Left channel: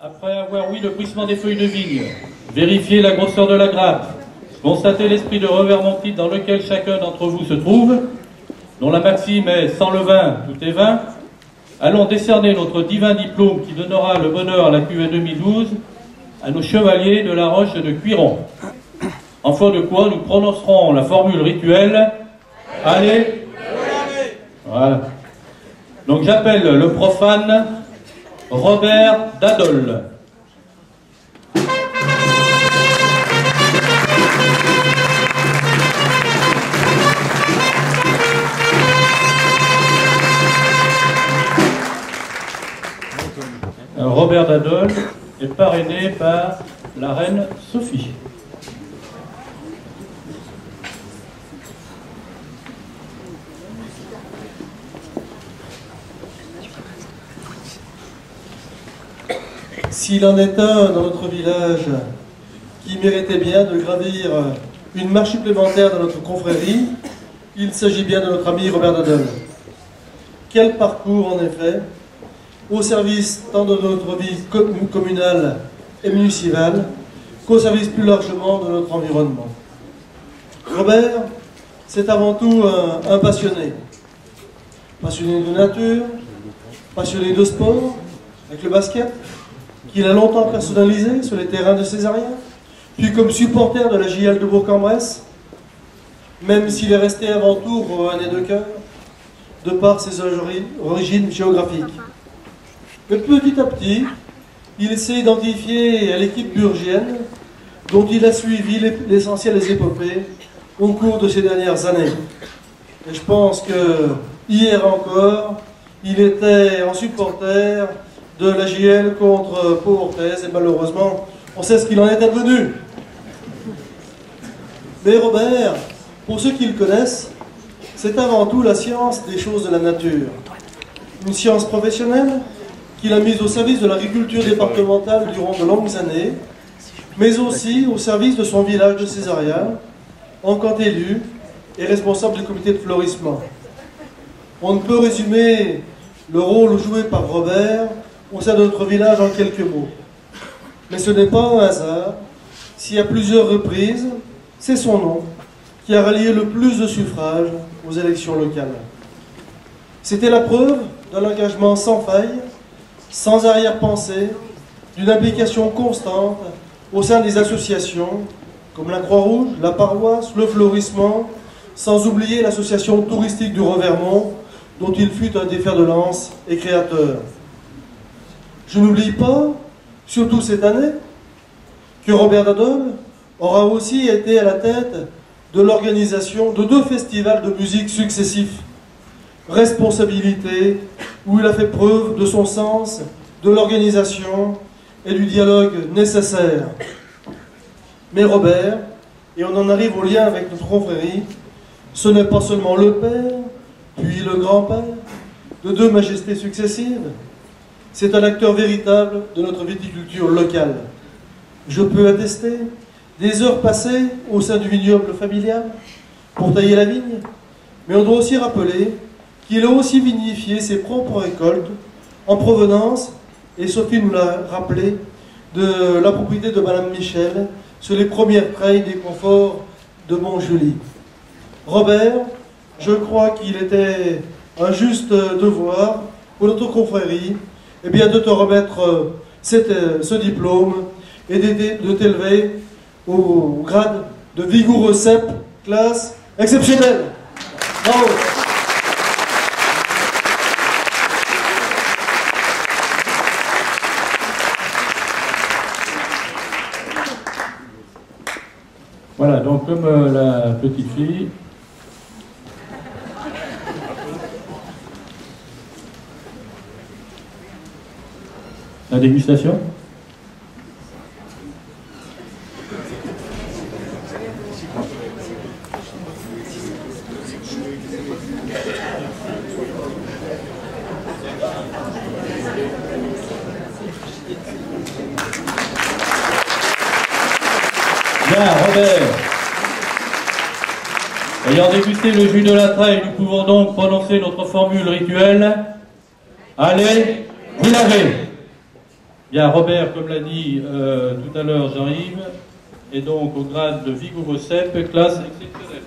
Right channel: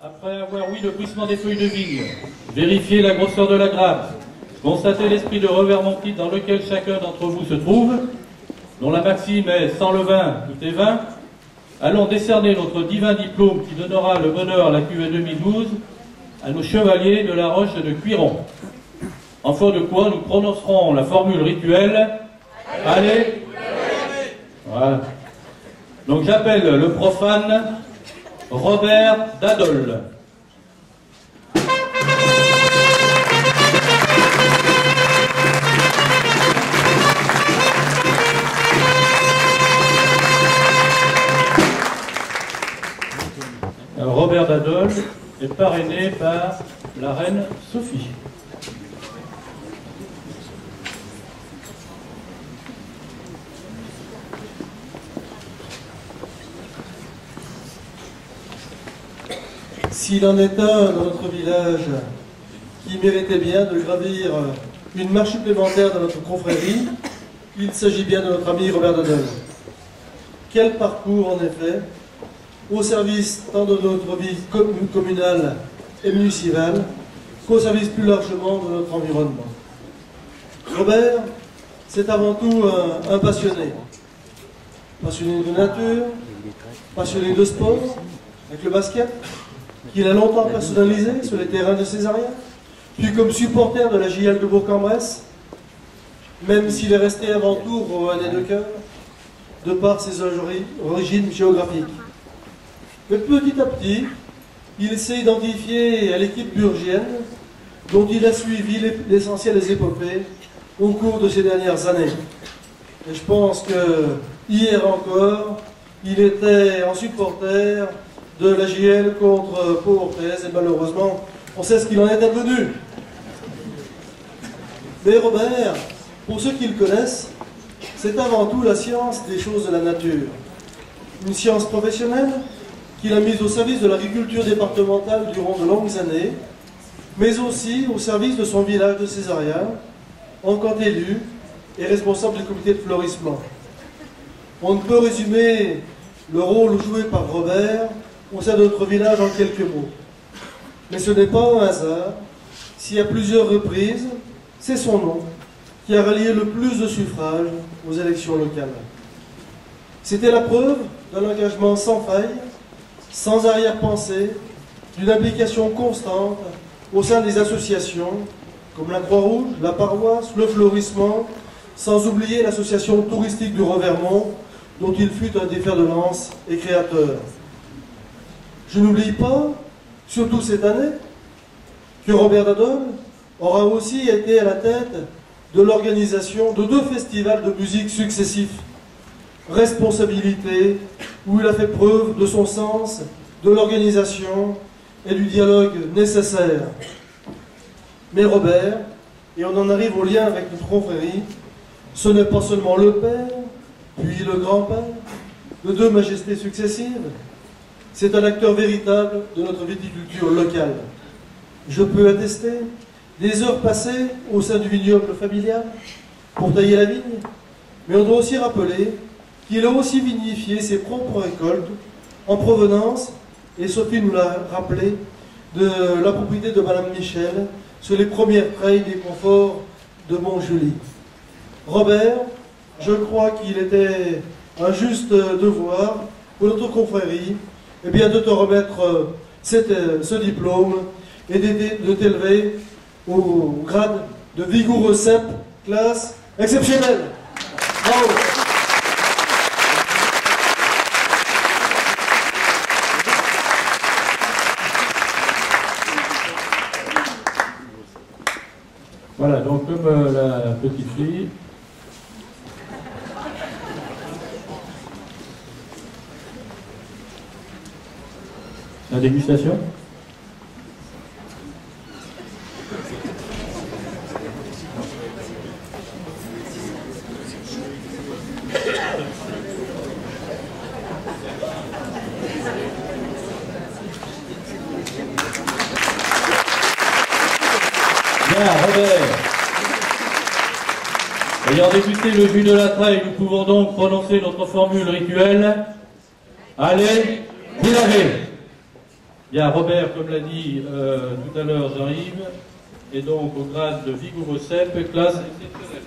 Après avoir ouï le bruissement des feuilles de vigne, vérifié la grosseur de la grappe, constaté l'esprit de revermentite dans lequel chacun d'entre vous se trouve, dont la maxime est « sans le vin, tout est vin », allons décerner notre divin diplôme qui donnera le bonheur à la cuvée 2012 à nos chevaliers de la Roche de Cuiron. En foi de quoi nous prononcerons la formule rituelle « Allez !» Voilà. Donc j'appelle le profane Robert Dadol. Robert Dadol est parrainé par la reine Sophie. S'il en est un dans notre village qui méritait bien de gravir une marche supplémentaire dans notre confrérie, il s'agit bien de notre ami Robert Dadol. Quel parcours en effet, au service tant de notre vie communale et municipale qu'au service plus largement de notre environnement. Robert, c'est avant tout un passionné. Passionné de nature, passionné de sport, avec le basket, qu'il a longtemps personnalisé sur les terrains de Césarien, puis comme supporter de la JL de Bourg-en-Bresse, même s'il est resté avant tout rouennais de cœur, de par ses origines géographiques. Mais petit à petit, il s'est identifié à l'équipe burgienne, dont il a suivi l'essentiel des épopées au cours de ces dernières années. Et je pense que hier encore, il était en supporter de la JL contre Pau-Orthez, et malheureusement, on sait ce qu'il en est advenu. Mais Robert, pour ceux qui le connaissent, c'est avant tout la science des choses de la nature. Une science professionnelle qu'il a mise au service de l'agriculture départementale durant de longues années, mais aussi au service de son village de Césarien, en tant qu'élu et responsable du comité de fleurissement. On ne peut résumer le rôle joué par Robert au sein de notre village en quelques mots. Mais ce n'est pas un hasard si à plusieurs reprises, c'est son nom qui a rallié le plus de suffrages aux élections locales. C'était la preuve d'un engagement sans faille, sans arrière-pensée, d'une implication constante au sein des associations comme la Croix-Rouge, la Paroisse, le Fleurissement, sans oublier l'association touristique du Revermont, dont il fut un des fers de lance et créateur. Je n'oublie pas, surtout cette année, que Robert Dadol aura aussi été à la tête de l'organisation de 2 festivals de musique successifs. Responsabilité, où il a fait preuve de son sens, de l'organisation et du dialogue nécessaire. Mais Robert, et on en arrive au lien avec notre confrérie, ce n'est pas seulement le père, puis le grand-père, de 2 majestés successives. C'est un acteur véritable de notre viticulture locale. Je peux attester des heures passées au sein du vignoble familial pour tailler la vigne, mais on doit aussi rappeler qu'il a aussi vinifié ses propres récoltes en provenance, et Sophie nous l'a rappelé, de la propriété de Madame Michel sur les premières treilles des conforts de Montjulie. Robert, je crois qu'il était un juste devoir pour notre confrérie eh bien, de te remettre ce diplôme et de t'élever au grade de vigoureux cep, classe exceptionnelle. Bravo. Voilà, donc comme la petite fille, la dégustation. Bien, Robert. Ayant dégusté le jus de la treille, nous pouvons donc prononcer notre formule rituelle. Allez, vous l'avez. Bien, Robert, comme l'a dit tout à l'heure Jean-Yves, est donc au grade de vigoureux cep, classe exceptionnelle.